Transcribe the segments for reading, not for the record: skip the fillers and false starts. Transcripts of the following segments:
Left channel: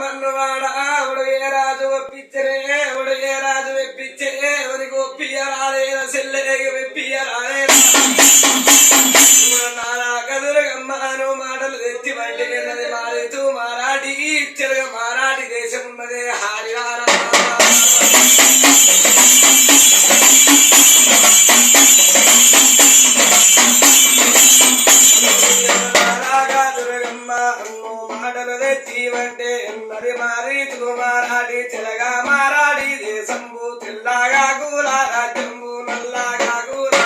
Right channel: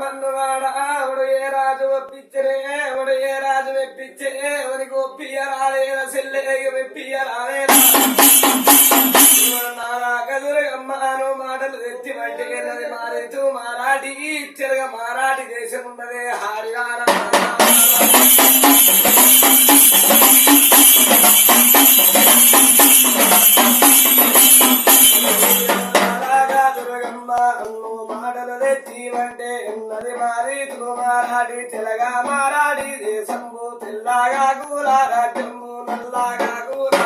మన్నవాడ ఆవిడ ఏ రాజు ఒప్పించరే ఆవిడ ఏ రాజు మెప్పించే ఎవరికి ఒప్పియరాలే సెల్లెగ మెప్పియరాలే నానా కదురుగమ్మాను మాటలు తెచ్చి బయట మారుతూ మారాటి చెరగ మారాటి దేశం ఉన్నదే హారియారా మాటలు తెచ్చివంటే ఎన్నది మారీతులు మారాడి చెలగా మారాడి దేశంబు తెల్లగా కూలా రాజ్యంబు నల్లగా కూలా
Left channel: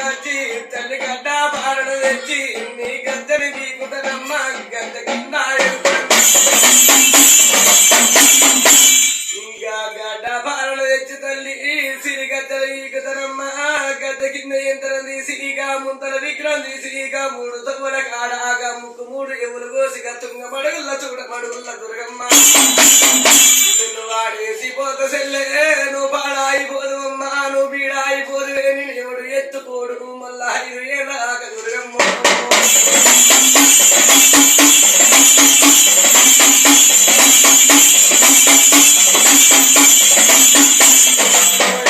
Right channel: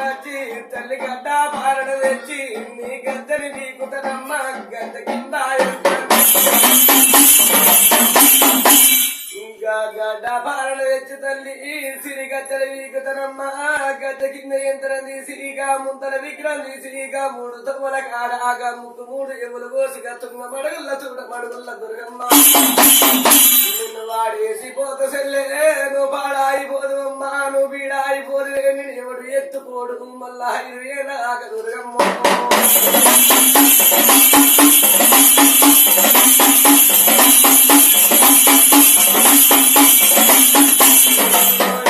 వచ్చి తల్లి గడ్డ పారడు తెచ్చి నీ గద్దరి నీకుతనమ్మ గద్ద కింద ఇంకా గడ్డ పారడు తెచ్చి తల్లి సిరి గద్దల ఈకుతనమ్మ గద్ద కింద యంత్రం తీసి ఇక ముంతల విగ్రహం తీసి ఇక మూడు తవ్వల కాడాగా ముక్కు మూడు ఎవరు కోసి తుంగ మడుగుల్ల చూడ మడుగుల్ల దుర్గమ్మ నిన్ను వాడేసి పోత సెల్లే నువ్వు పాడాయిపోదు అమ్మా నువ్వు బీడాయిపోదు నేను ఎవడు ఎత్తుకోడు మళ్ళా ఏనాక దుర్గమ్మ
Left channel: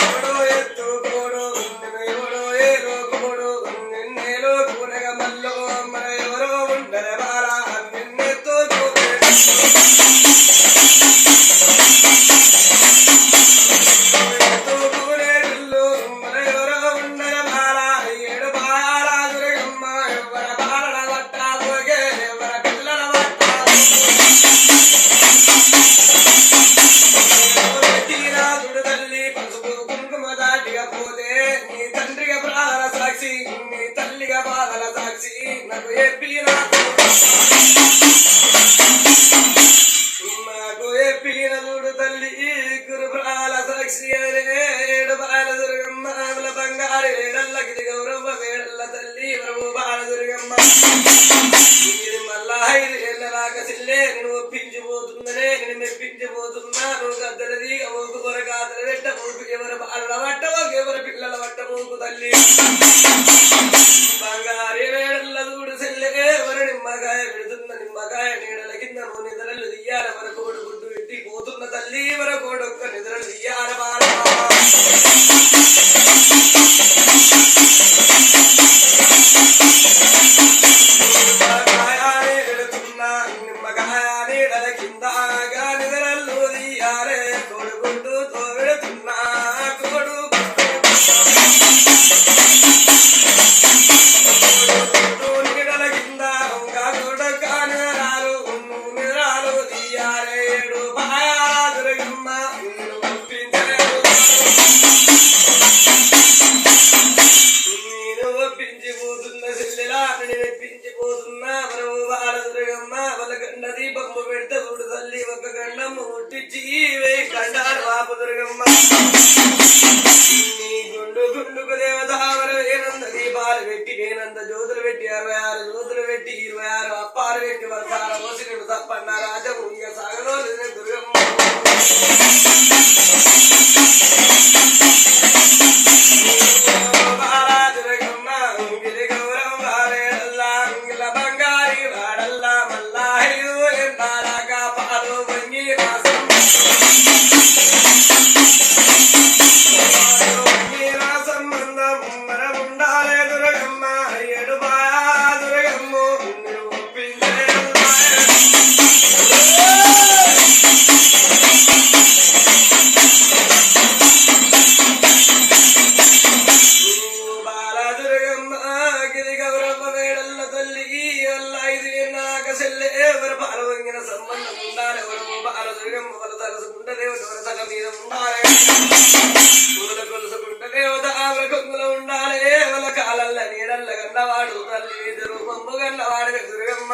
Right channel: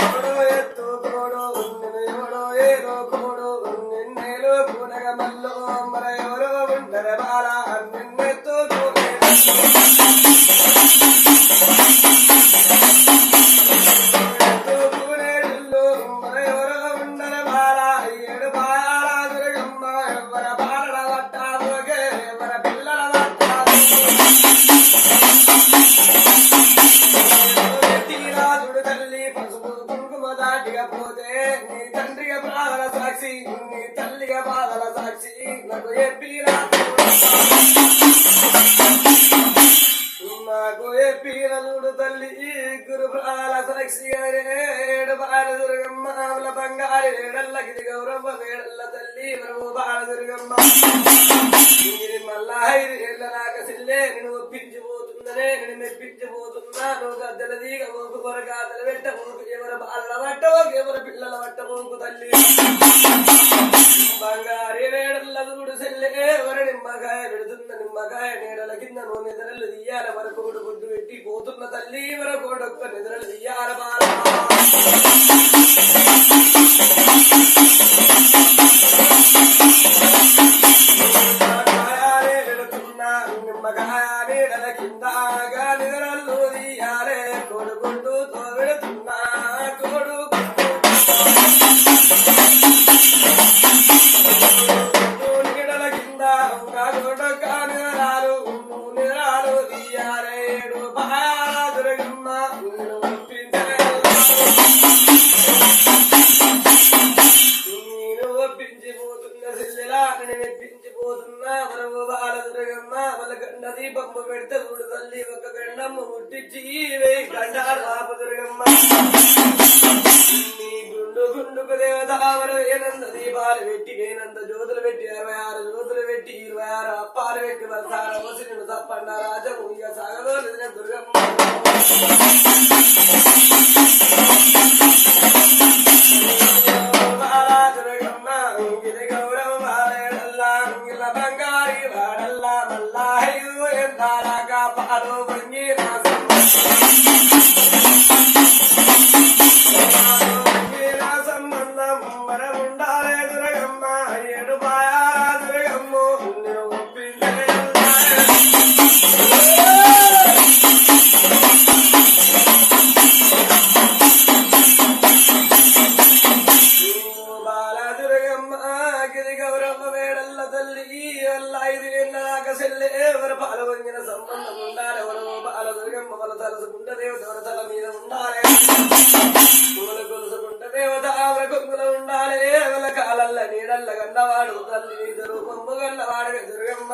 ఎవడో ఎత్తుకోడు నిన్ను ఎవడో ఏరోకోడు నిన్నేలో కూనగ మల్లో మన ఎవరో ఉండర బాలా నిన్నెత్తు పీరలుడు తల్లి గురు ప్రాల సాక్షి అరేడు బాల దుర్గమ్మ బంగారు వేడల్లకి గౌరవ వేడల్ల తల్లి ప్రభు బాల దుర్గమ్మ మళ్ళా 5 ఏళ్ళలాగా చెల్లే నేను ఒప్పించిపోతుందనే నేను మెప్పించిపోతున్నాను గద్దలది ఓకు కొరకాతలు పెట్టబోకు ఎవరు బాలల పట్టబోకు ఎవరు పిల్లల పట్టబోకు తల్లి బంగారు వేడల్ల చూడు చెల్లే ఎవరు నిమ్మకాయ పెడుతున్న నిమ్మకాయ నీడల కింద నిద్రలు తీయాల వరకు గుడ్డు పెట్టి పోతున్న తల్లి వరకు ఒక్క నిద్రలు తీయాల బాల నిమ్మకాయ నీడల కిందగా నిద్రలు తీయాలే కొడుకుంటూ తోడుతున్నా కొడు నీడల కింద కొడుకాను నిద్రాలు తీయాలే ఏడు బాదురగమ్మ నేను ఒప్పించిపోతున్న చెల్లెలా నేను మెప్పించిపోతున్నా ప్రభు బాలదుర్గమ్మ వాళ్ళ గండ దీపమ్మ పెడితే చూడు తల్లి ఒక గండమ్మ ముట్టించి 1000 గండాలు వాపు దుర్గమ్మ నీ గుండు గుండుకు దేవతావరు ఏనంద దీపాలు పెట్టి ఏనంద జ్యోతులు పెట్టి 66 జ్యోతులు పెట్టి 26 అప్పాలు పెట్టి వరసాల వసిను తప్పన్న రాజము ఇక సాగలో దుర్గమ్మ ఎవరు పాల వంగిన సంబంధం ఉండాలి ఎవరు బాల దుర్గమ్మ వాళ్ళ తలసుకుంట దేవత ఎవరి తల మీద ఉండాలి పూల కొలుసుకుంట దేవత ఆవిడ కొంగులో ఉండాలి వాళ్ళ కాలల్ల నీడల్ల గన్నవాడు తల్లి మీద రూపంబు గన్నవాడు దుర్గమ్మ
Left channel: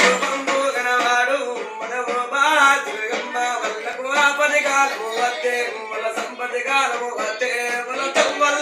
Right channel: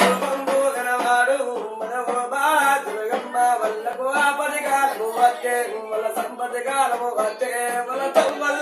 రూపంబు గనవాడు బాల దుర్గమ్మ వాళ్ళకు ఆపది కాలము వస్తే వాళ్ళ సంపద కాలము వస్తే వాళ్ళ తవ్వల్ల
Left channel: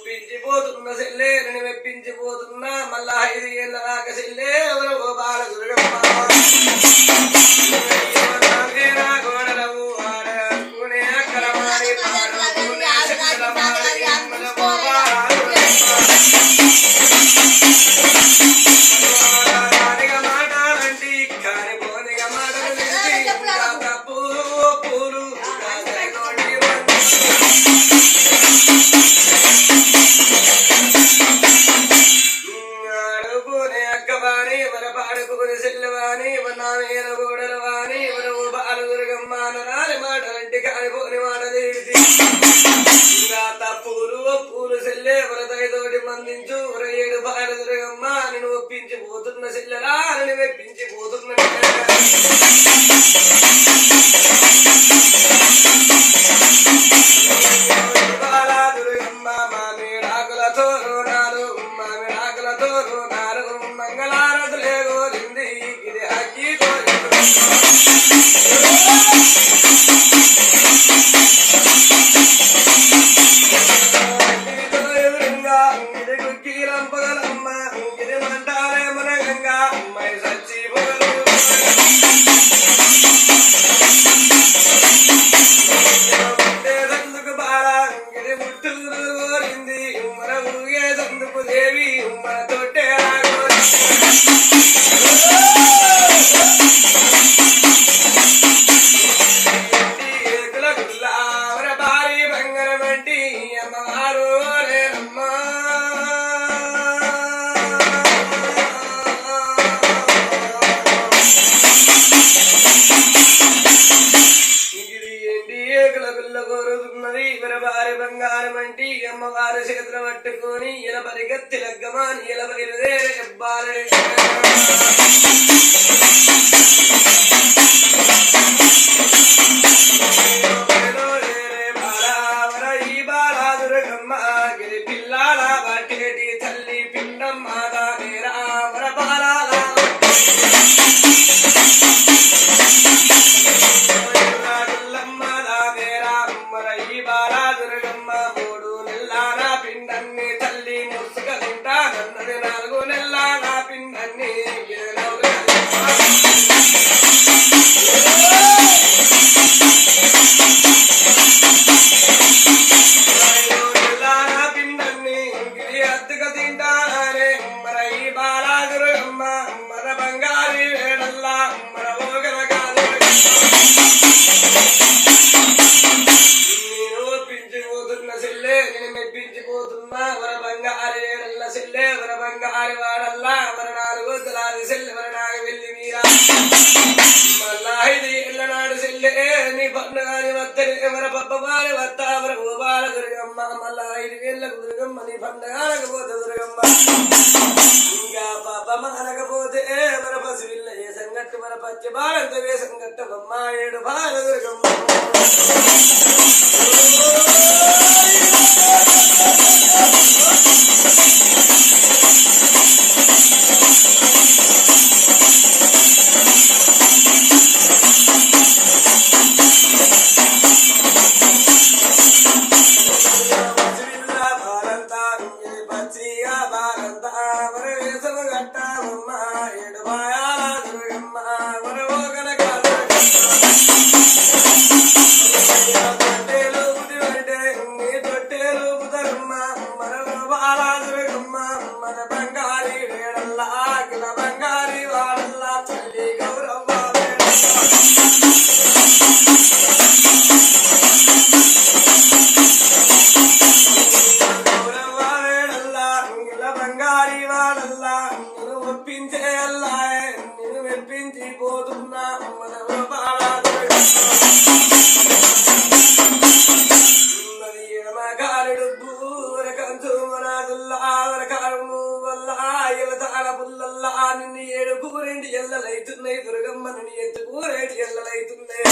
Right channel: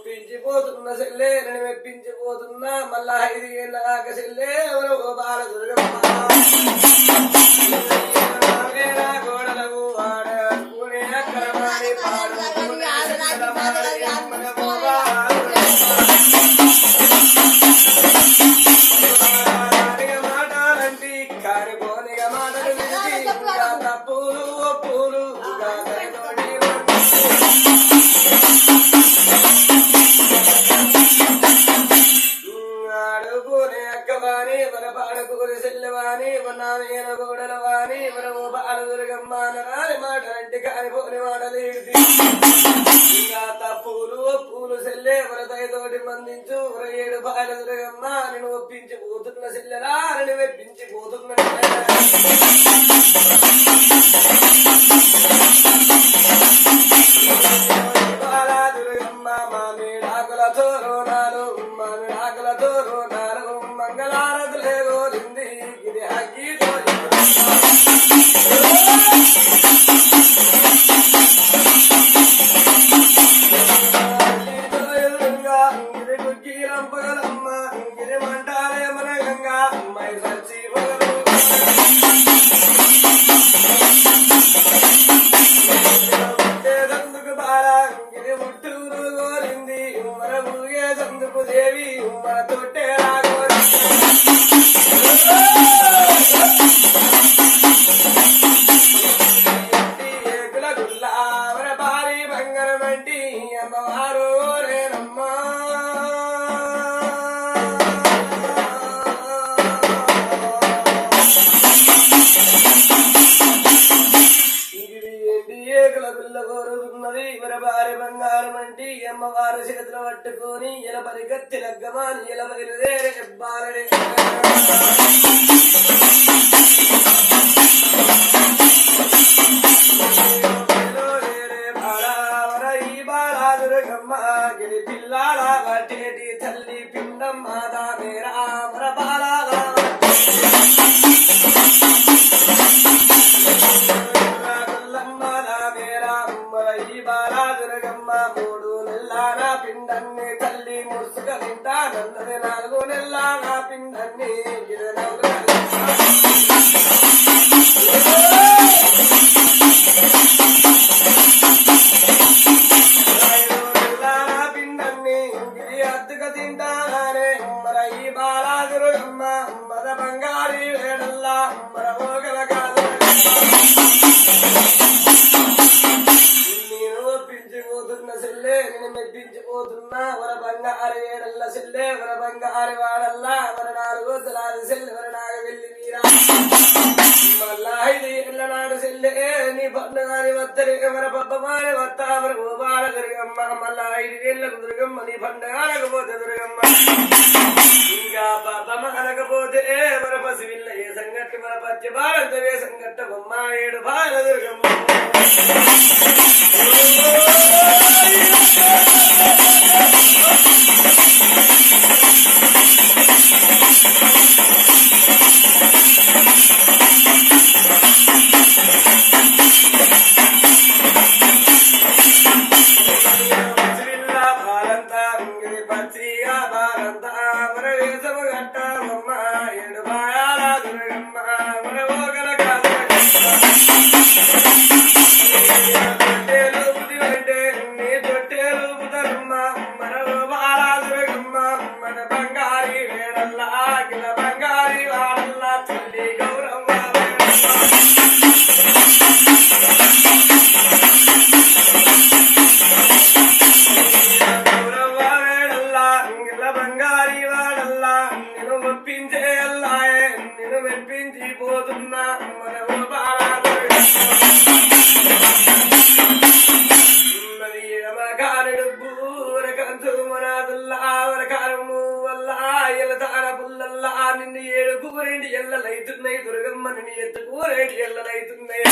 మెప్పించిపోతున్న సెల్లే నేను మెప్పించిపోతున్నా మళ్ళా 5 ఏళ్ళ దాకా సెల్లే ఎవరో బాల దుర్గమ్మ గోడలవు ఆడకునే అక్కరమాని పాడుకునే శక్కరమాని అమ్మల మాటలంటి కాని పోనిగ మాటలు తెలిసి ఇంకా తప్పు పూలు ఆడుకునే అక్కవాని మన పాడుకునే సెల్లవాని మన గోడలవాని మన బాల దుర్గమ్మ రాని మాటలంటి కాని పోని మాటలు ఇంకా తప్పులు ఒప్పులు సెల్లే వరదైతోటి మందించు 7 బాల దుర్గమ్మ నేను ఒప్పించిపోతున్న సెల్లెలా అని మెప్పించిపోతున్న బాల దుర్గమ్మ మామిడాకులతో రోనాలు మామిడాకులతో రోనాలు మంగళారతులే గోరింది ఇది అగ్గితో ఎదురుగా ఇది గుగ్గిలంపగలమ్మ ఇది మంటాలే మన గంగా అమ్మాయి సచ్చి పొగలు దందుకు బాల ఇది ముట్టూరు కోరింది మన ఊగేదందుకు దేవి మన తొట్టే భారీ బంగారం వంటి అమ్మవారు లేనమ్మా ఇది ఏంటి ఏకుల గుల్ల కోరుతున్నది మన భారీ బంగారం వంటి అమ్మవారు చేతులు పట్టుకొని ఇలా పరిగెత్తి లగ్గమాని ఇలా బయలుదేరే బాలే గిరి పిల్లాల వాటేటి తల్లి పిండం మాదా మేరా మర బాలాల మేరా మర ఈ బాలా దుర్గమ్మ 3 నెలల నా పిండాన్ని తల్లి ముసుక తింటా నన్నది 4 నెలల నా పిండాన్ని తింటానే మర ఈ బాలా దుర్గమ్మ మర బంగారి వేడల్లా మర ఓగల కాదు నేను ఒప్పించిపోతున్న సెల్లే నేను మెప్పించిపోతున్నా వర బంగారి వేడల్ల సెల్లే వర బంగారి వాడల్లా వర 4 తలాది సెల్లె వర నాగ వెళ్ళి మీరా మళ్ళా 5 ఏళ్ళ నాడు సెల్లే నీ పండుగాని వత్తరి వర పబ్బమాని వత్త వర ఓ బాల దుర్గమ్మ మళ్ళా 5 ఏళ్ళకు దుర్గమ్మ నీ పండుగపోతే దుర్గమ్మ ఇంకా పాపమ్మ అనకపోతే మన పసివిల్ల ఏ సంగట్టు మన పచ్చి బాలంత వే సంగట్టు బొమ్మ 7 బాల దుర్గమ్మ తెలుగు మళ్ళా నిన్ను ఏడుకు రెండు ఎల్లలైతున్నాయి దుర్గమ్మ నిన్ను ఎత్తుకు రెండు ఎల్లలైతున్నాయి